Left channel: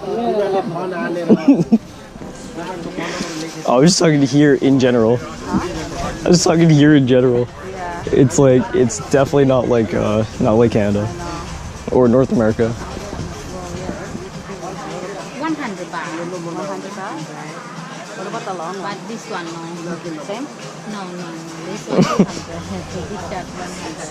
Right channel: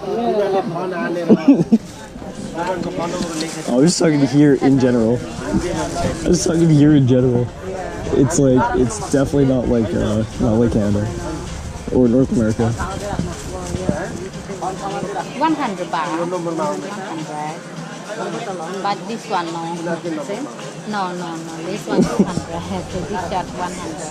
I was just talking to here in general. I was talking to here in general. It's like it's definitely not like Canada or North America. 100 baht. 100. But this one no. No. This one 200. So this just 100.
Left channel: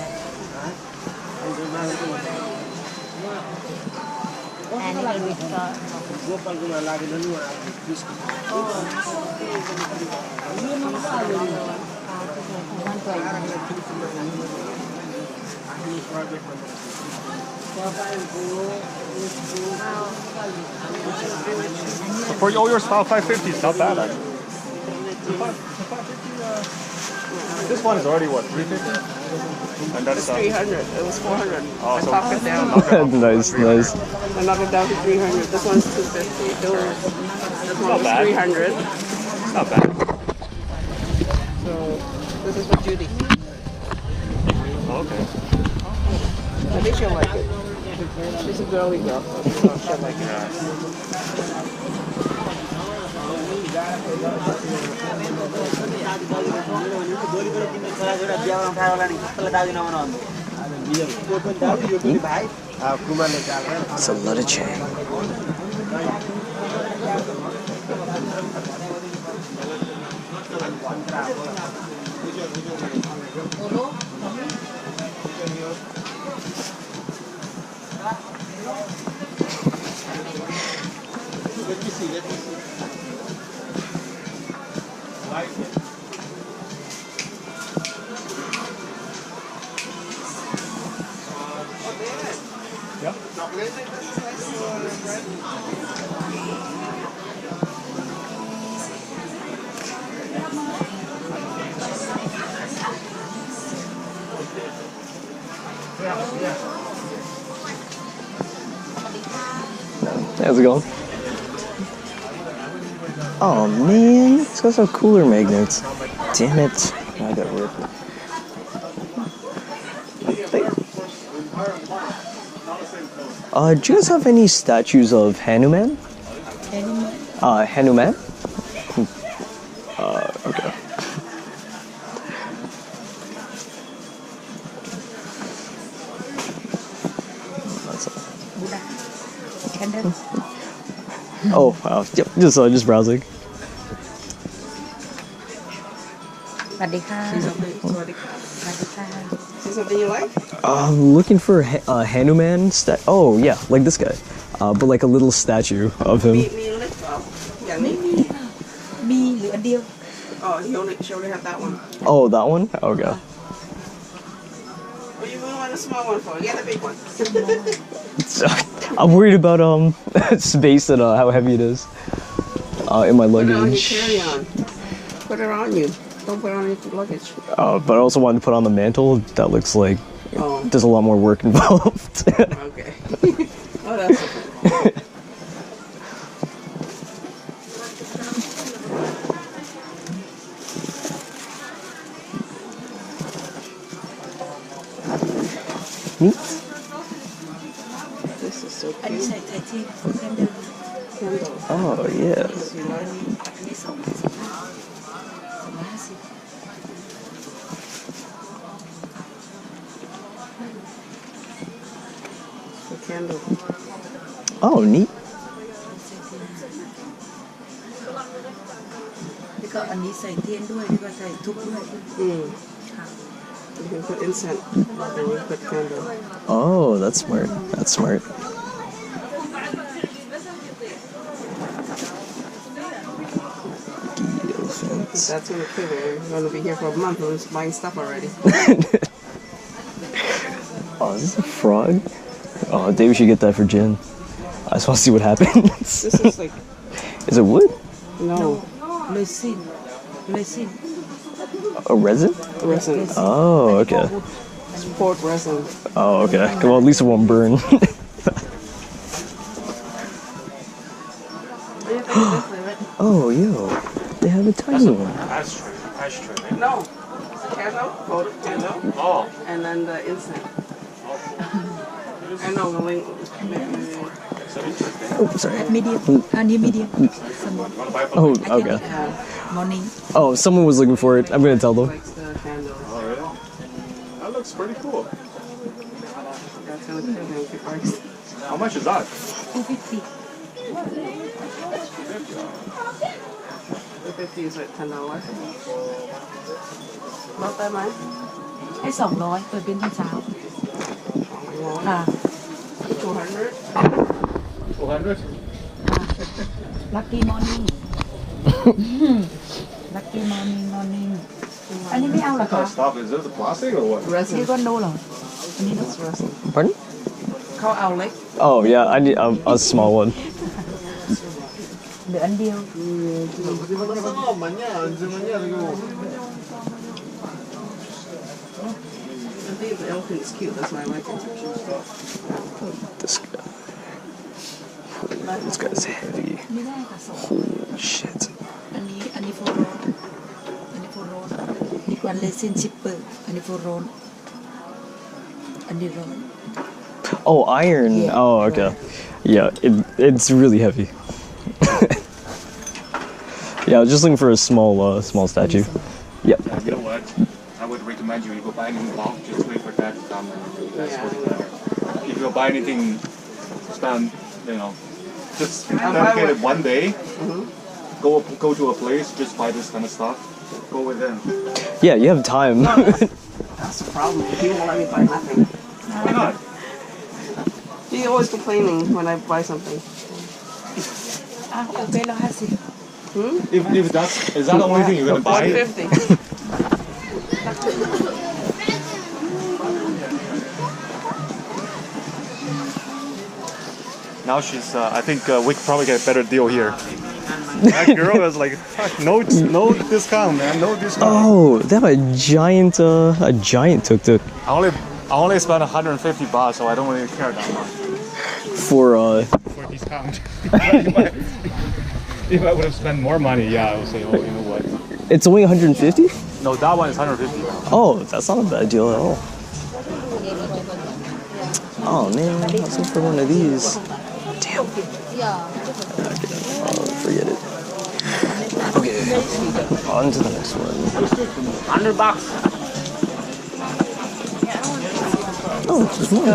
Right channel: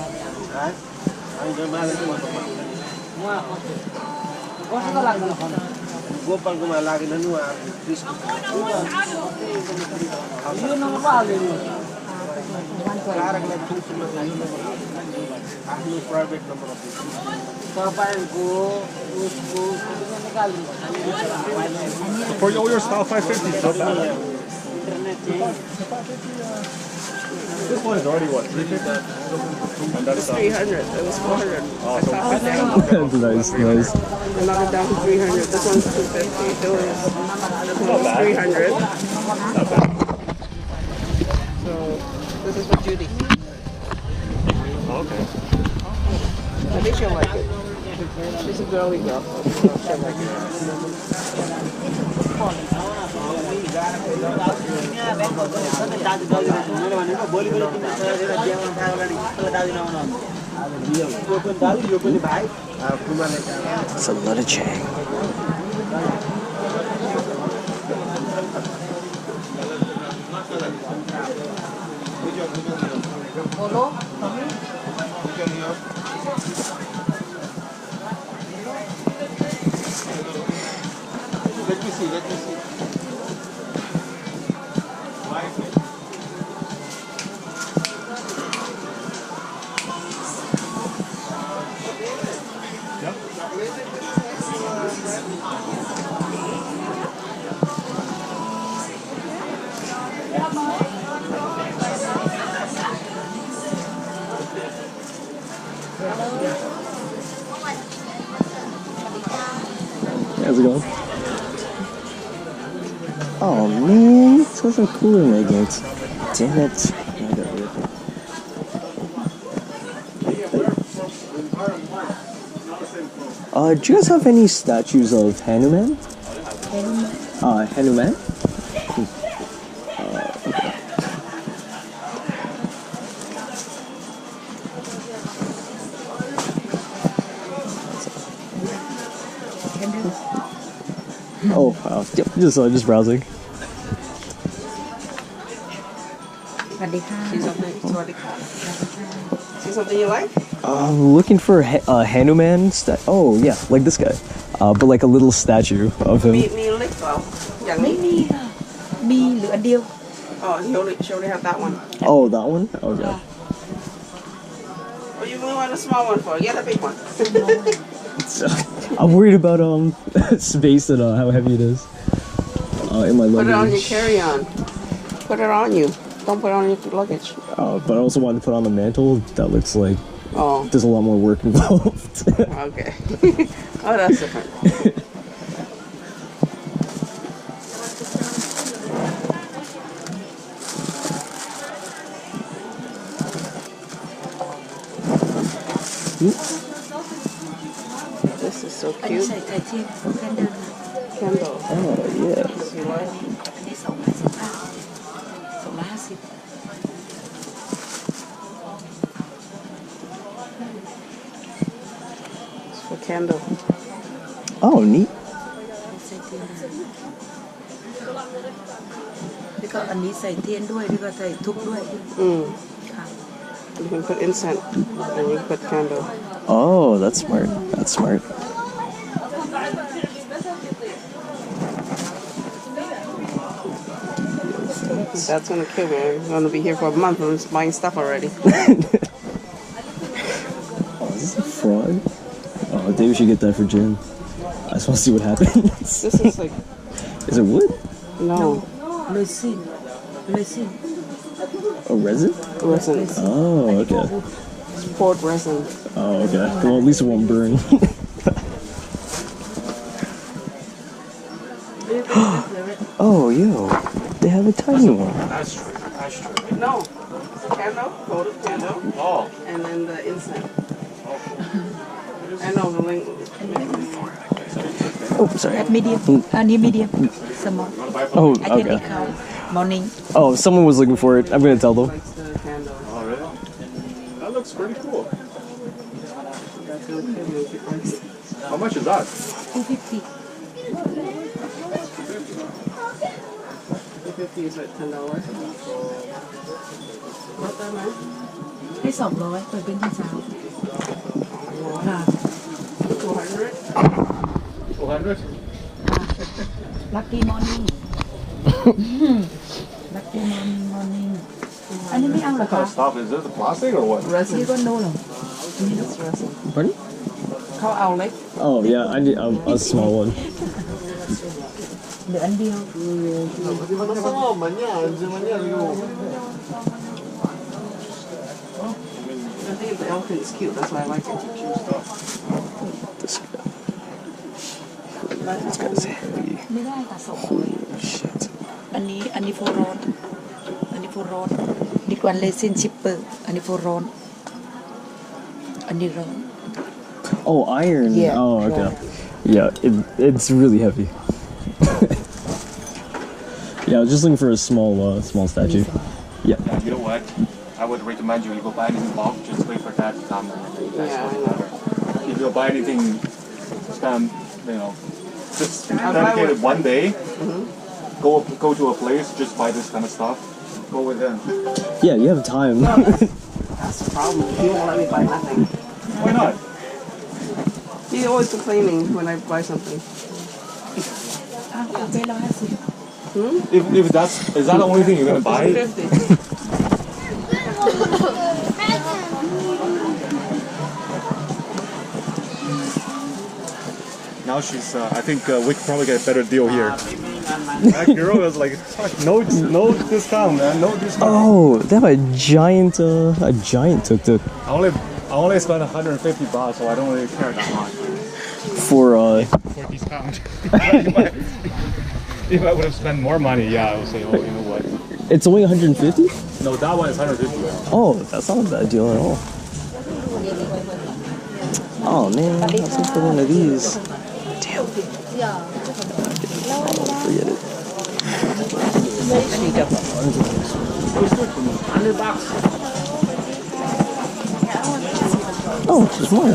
For all your style 550, so bad. This one is already what, 350? It's 300. It was 400. I talked it down. Nice. I knocked it down to 300. This one's 250. This one was 300. Not bad. So this is for Judy. Okay. I think she'll like it. She's a girly girl, so she'll like it. It's a lot of change. Let me see. Yeah. How's it going? Oh man, it's got some cooler magnets. Damn it. I got rid of it. Do you guys have any statues of Hanuman? Hanuman? Okay. Oh wow! Yep, just browsing. See something you like? I'm looking for Hanuman Oh yeah, like this guy, but like a little statue of him. Me lit well. Yeah, me. Oh, she only have that one. Oh, that one? Okay. What do you really want a small one for? Get a big one. I'm worried about space and how heavy it is in my luggage. Put it on your carry-on. Put it on you. Don't put it on your luggage. But I also wanted to put on the mantle. That looks like there's a lot more work involved. Okay. Oh, that's different. This is so cute. Candle. Oh, yeah. A candle. Oh, neat. แล้วก็อันนี้ใส่เทียนด้วยแล้วก็ใส่ทุบด้วย You can put incense and you put candle. Oh, that's smart. That's smart. That's when the kid we're going to be here for a month. We're just buying stuff already. Oh, is this a frog? Oh, Dave, we should get that for Jen. I just want to see what happens. This is like... Is it wood? No. Resin. Resin. A resin? Resin. Oh, okay. It's poured resin. Oh, okay. Well, at least it won't burn. Oh, yo. They have a tiny one. No. Candle, gold candle. Oh. And then the incense. I know, the link. Oh, sorry. medium. Need medium. Small. Oh, I can okay. eat cow. Morning. Oh, if someone was looking for it, I'm gonna tell them. Likes the candles. Oh, really? That looks pretty cool. That's really cool. Make it works. How much is that? 250. 250 is like $10. Not that much. ให้200เปิดเป็นภาษาค่ะ 200. 200? Lucky morning Lucky morning อันนี้ไม่เอาเหรอ What kind คะ of stuff is this? The plastic or what? Resin. นี่ก็โนเหรอ That's resin. Pardon? เขาเอาเล็ก Oh, yeah, I need a small one. เหลืออันเดียว I think the elephant's cute. That's why I like it. This guy. This guy's heavy. ไม่ได้ค่ะส่ง Holy shit. อันนี้โฟรอนอันนี้โฟรอนดีกว่าเลซินชิปเปอร์อันนี้โฟรอนอันนี้ร้อน Oh, iron. Yeah, Oh, okay. Yeah, it's really heavy. Yeah, I was just looking for a small statue. Yeah. Yeah, you know what? I would recommend you go buy anything bulk, just wait for that to come. That's Yeah, what's I know. better. If you buy anything, spend, just I'll buy dedicate it one day. Mm-hmm. Go to a place, just buy this kind of stuff. Go with them. Yeah, you have time. That's the problem. He won't let me buy nothing. Why not? He's always complaining when I buy something. อ้าวเอาไป150 If is that the only thing you're gonna buy? 150. Now she's. I think we could probably get a better deal here. That girl is like, no discount, man, no discount. Oh, they have a giant tuk-tuk I only spent $150, so I don't really care that much for for discount. If I would have spent more money, yeah, I would say, oh, you know what? it's only 150? No, that one is 150. Oh, that's not a bad deal at all. Oh man, I was looking for one of these. Damn. Okay, forget it. Okay, on to the next one. $100. Oh, there's more.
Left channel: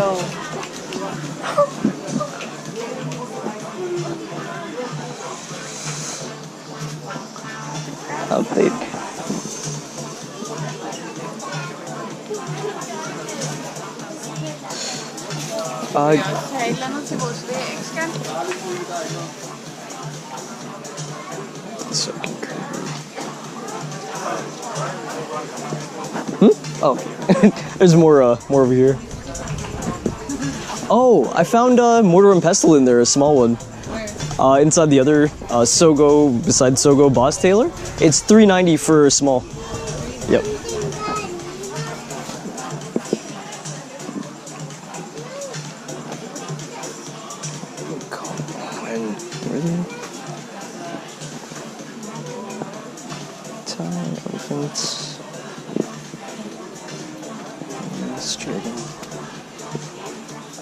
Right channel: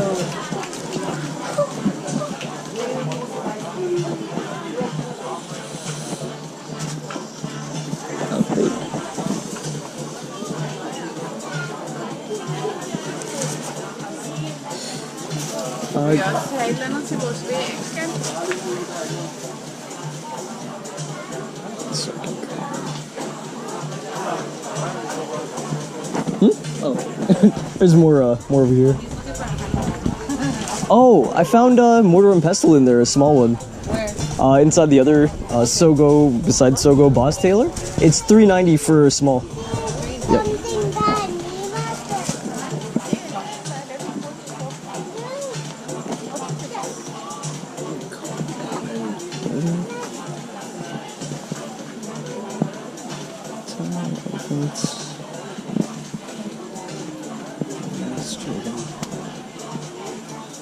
How big? Oh, there's more over here. Oh, I found mortar and pestle in there, a small one. Where? Inside the other Sogo, beside Sogo Boss Tailor. It's $3.90 for a small. Yep.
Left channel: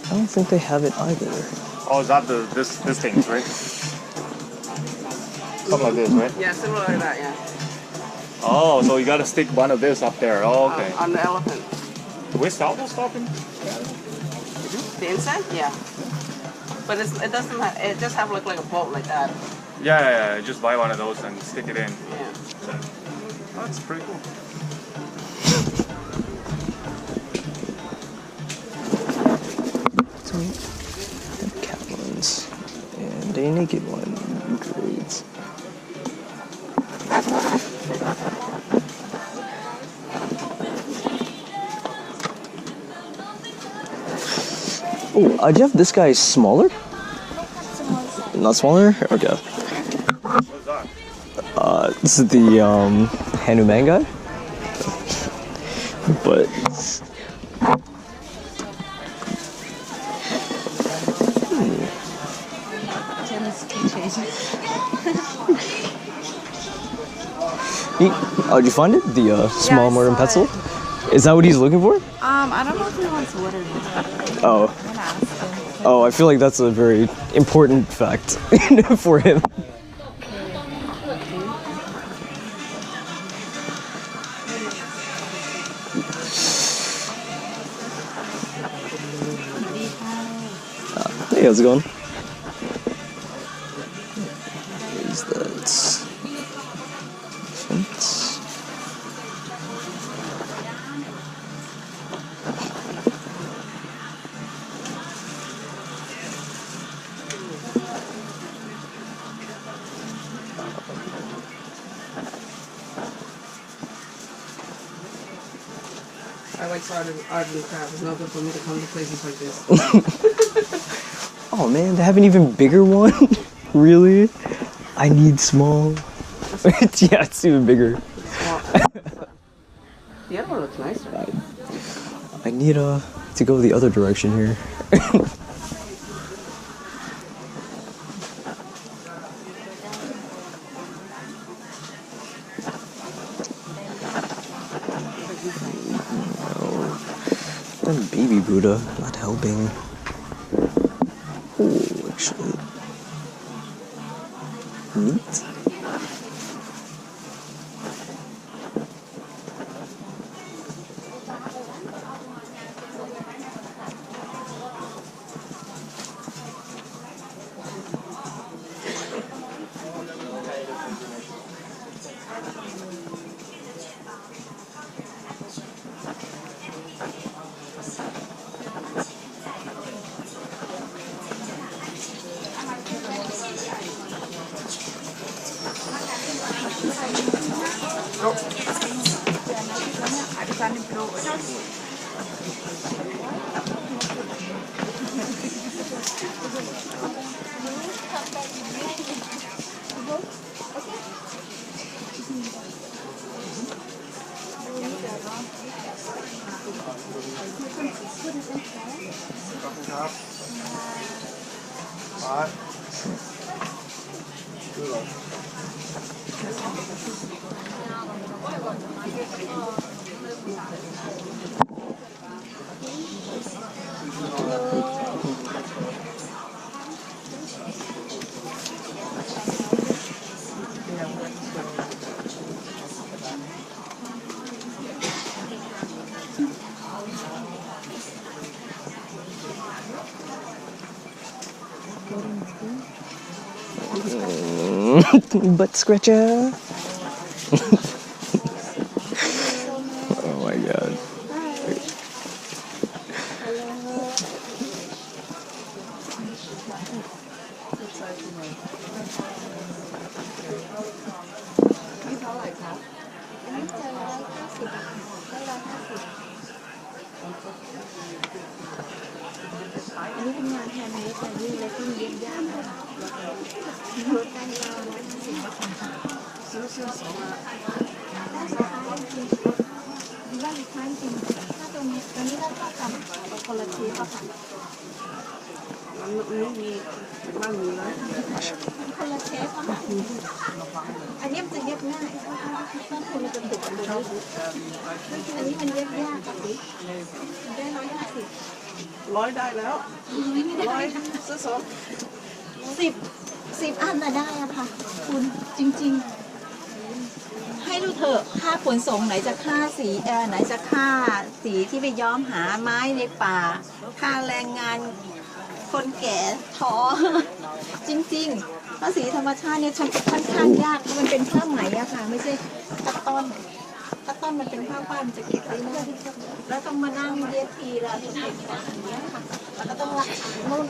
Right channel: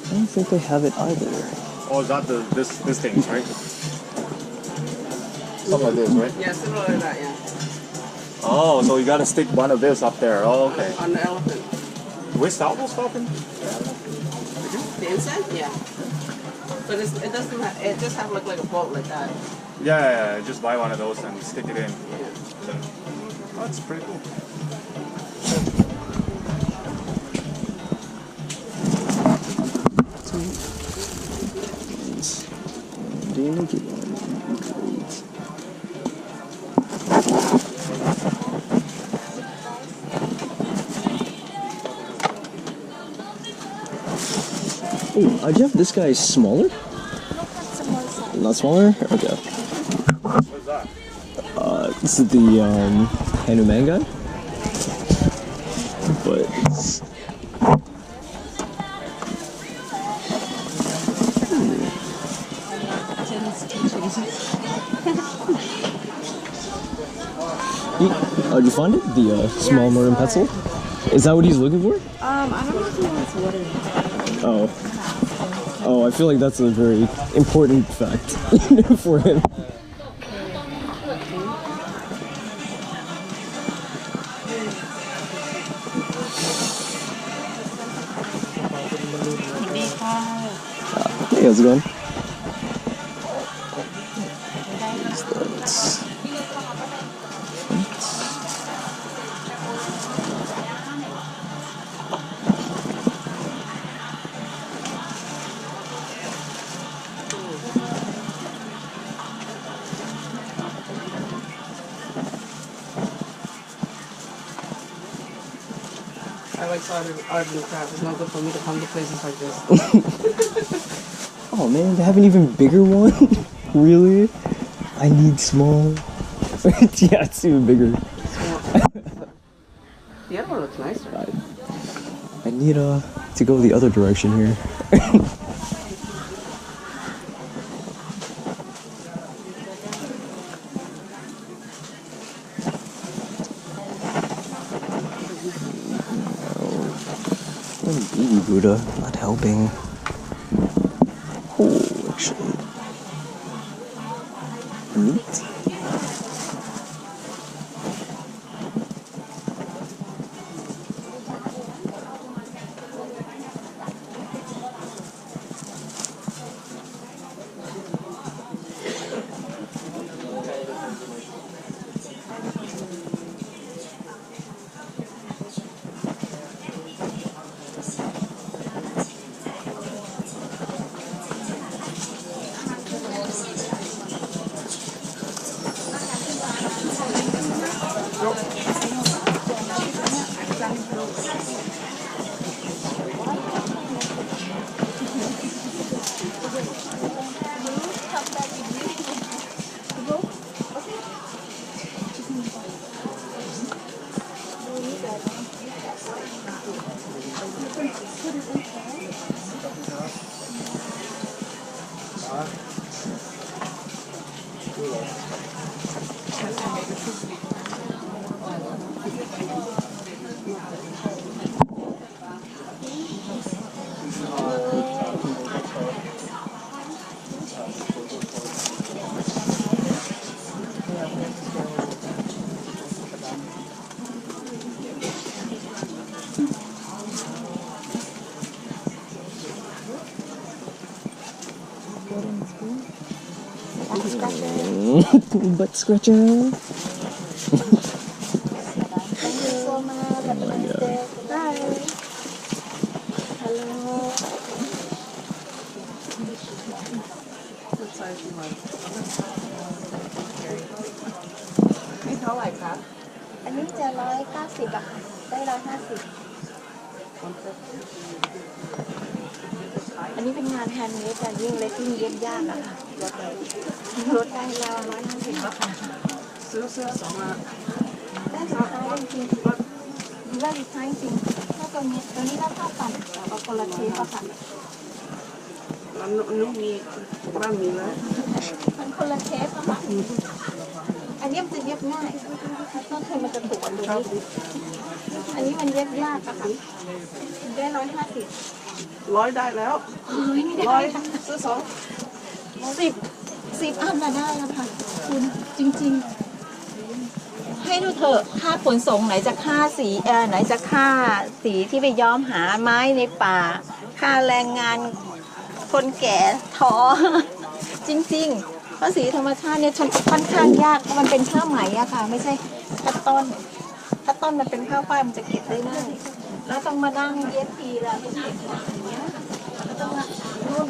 I don't think they have it either. Oh, is that this thing, right? Something like this, right? Yeah, similar like that, yeah. Oh, so you gotta stick one of this up there. Oh, okay. On the elephant. Do we sell those stuff? The inside? Yeah. But it doesn't have, it just have like a bolt like that. Yeah. Just buy one of those and stick it in. Yeah. Oh, that's pretty cool. So, cat ones and a naked one. Great. Oh, do you have this guy smaller? Not smaller? Okay. What's that? This is the Hanuman guy. But oh, did you find it? The small mortar and pestle? Is that what he's looking for? I don't know if he wants water. Oh. Oh, I feel like that's a very important fact for him. Hey, how's it going? What is that? I like art and craft. It's not good for me to come to places like this. Oh man, they have an even bigger one? Really? I need small. Yeah, it's even bigger. The other one looks nicer. I need to go the other direction here. And baby Buddha not helping. Oh, actually. Neat. Butt scratcher. Oh my god.นี่เท่าไหร่ครับ อันนี้จะ190 บาท ได้150 อันนี้เป็นงานแฮนด์เมดจะยิ่งเล็กยิ่งเย็บยากอะค่ะลดได้เรา150 บาทซื้อสองมา ได้สุดท้ายจริงได้สุดท้ายจริงถ้าตัวนี้ก็เท่ากันเอาคนละทีก็ค่ะ มันมีบ้างมีแล้ว คนละเชฟค่ะอันนี้มันจะเย็บง่ายต้นทุนมันจะถูกกว่าตัวนี้อันนี้มันเย็บยากปะคะได้150 100ได้แล้ว100ซื้อ10 อันน่ะได้อะค่ะคุณจริงๆให้ดูเถอะค่าขนส่งไหนจะค่าสีไหนจะค่าสีที่ไปย้อมหาไม้ในป่าค่าแรงงานคนแก่ท้อจริงๆเพราะสีธรรมชาติเนี่ยค่อนข้างยากเพราะมันเป็นผ้าไหมอะค่ะไม่ใช่ตัดต้นมันเป็นผ้าฝ้ายมันจะเก็บได้ง่ายแล้วต้องมานั่งเย็บทีละเก็บอย่างเงี้ยค่ะแล้วต้องนู่น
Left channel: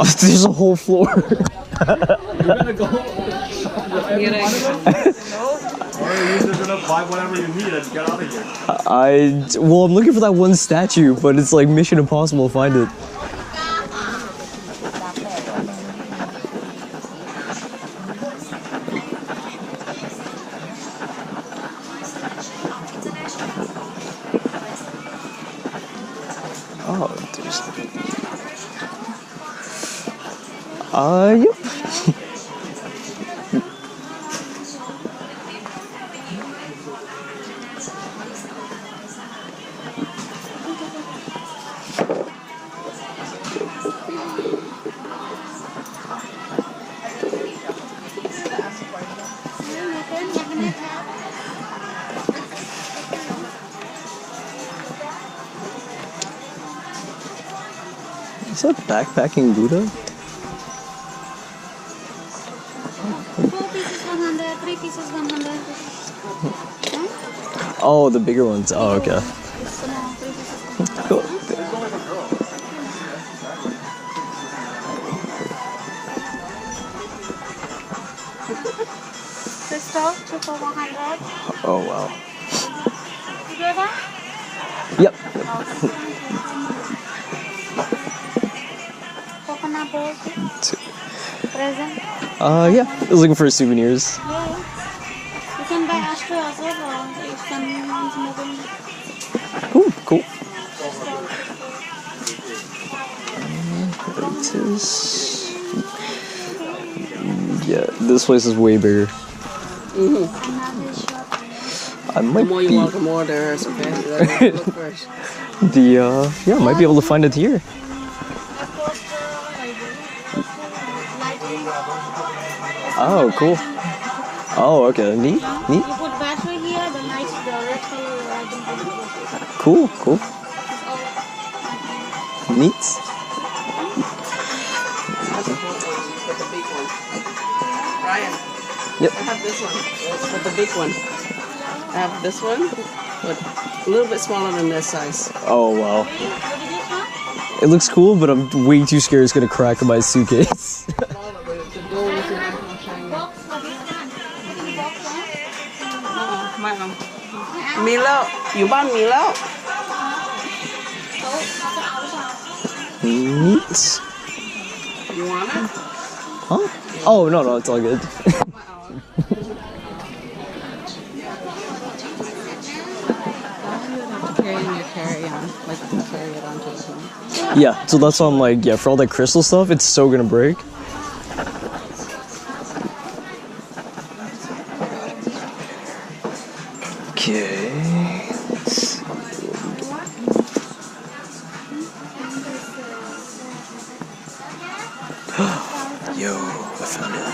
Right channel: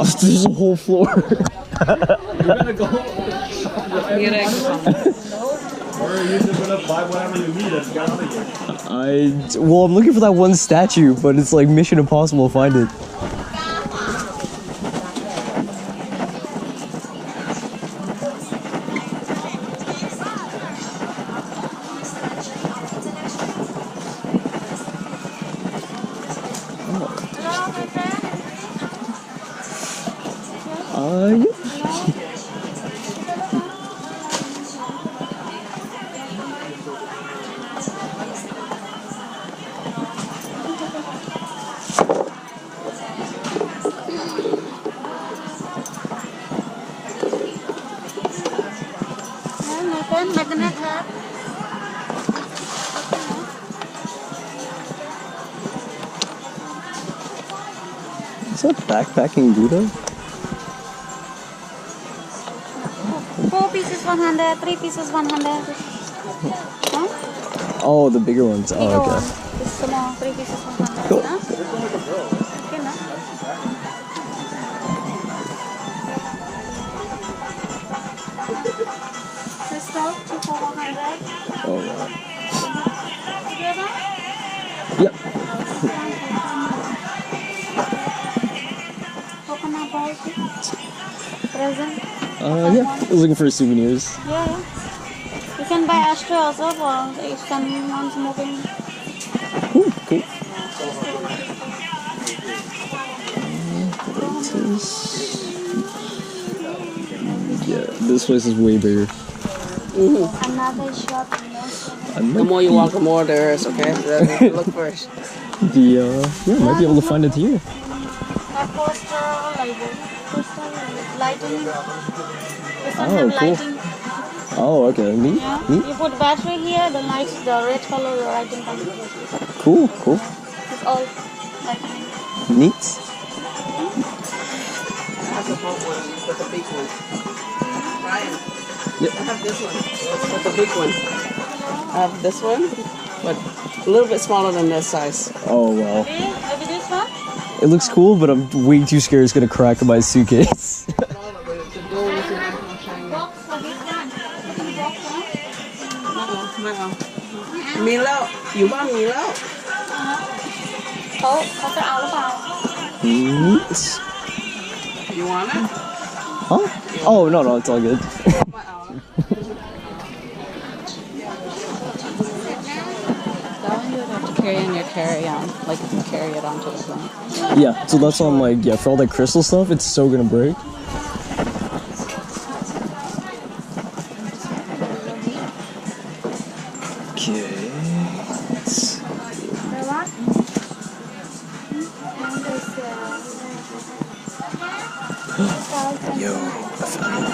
Oh, there's a whole floor. You're gonna go. Or you're just gonna buy whatever you need and get out of here. Well, I'm looking for that one statue, but it's like mission impossible to find it. Oh, there's... Yep. gonna have. Is that backpacking Buddha? 4 pieces 100, 3 pieces 100. Huh? Oh, the bigger ones. Oh, okay. It's small, 3 pieces 100. Cool. Huh? Okay, no? Crystal, 2 for 100. Oh, wow. You do that? Yep. Coconut balls. Present. Yeah. I was looking for souvenirs. Yeah, yeah. You can buy ashtray also for if someone's moving. Cool, cool. Yeah, this place is way bigger. Another shop. I The might more you be, walk, the more there is, okay? Look first. yeah, I might be able to find it here. A poster, like lighting. Oh, cool. Lighting. Oh, okay. Neat, Yeah. neat. You put battery here, the lights, the red color lighting comes. Cool, cool. It's all lighting. Neat. That's a boat one, but the big one. Ryan, Yep. I have this one, but the big one. I have this one, but a little bit smaller than this size. Oh, wow. Maybe this one? It looks cool, but I'm way too scared it's gonna crack in my suitcase. The gold is in Box for this one. Box one. my arm. Milo, you want Milo? เขาจะเอาหรือเปล่า Neat. You want it? Huh? Oh, no, it's all good. My arm. That one you would have to carry in your carry-on, like you can carry it onto the plane. Yeah, so that's why I'm like, yeah, for all that crystal stuff, it's so gonna break. Okay. Let's see. Yo, I found it.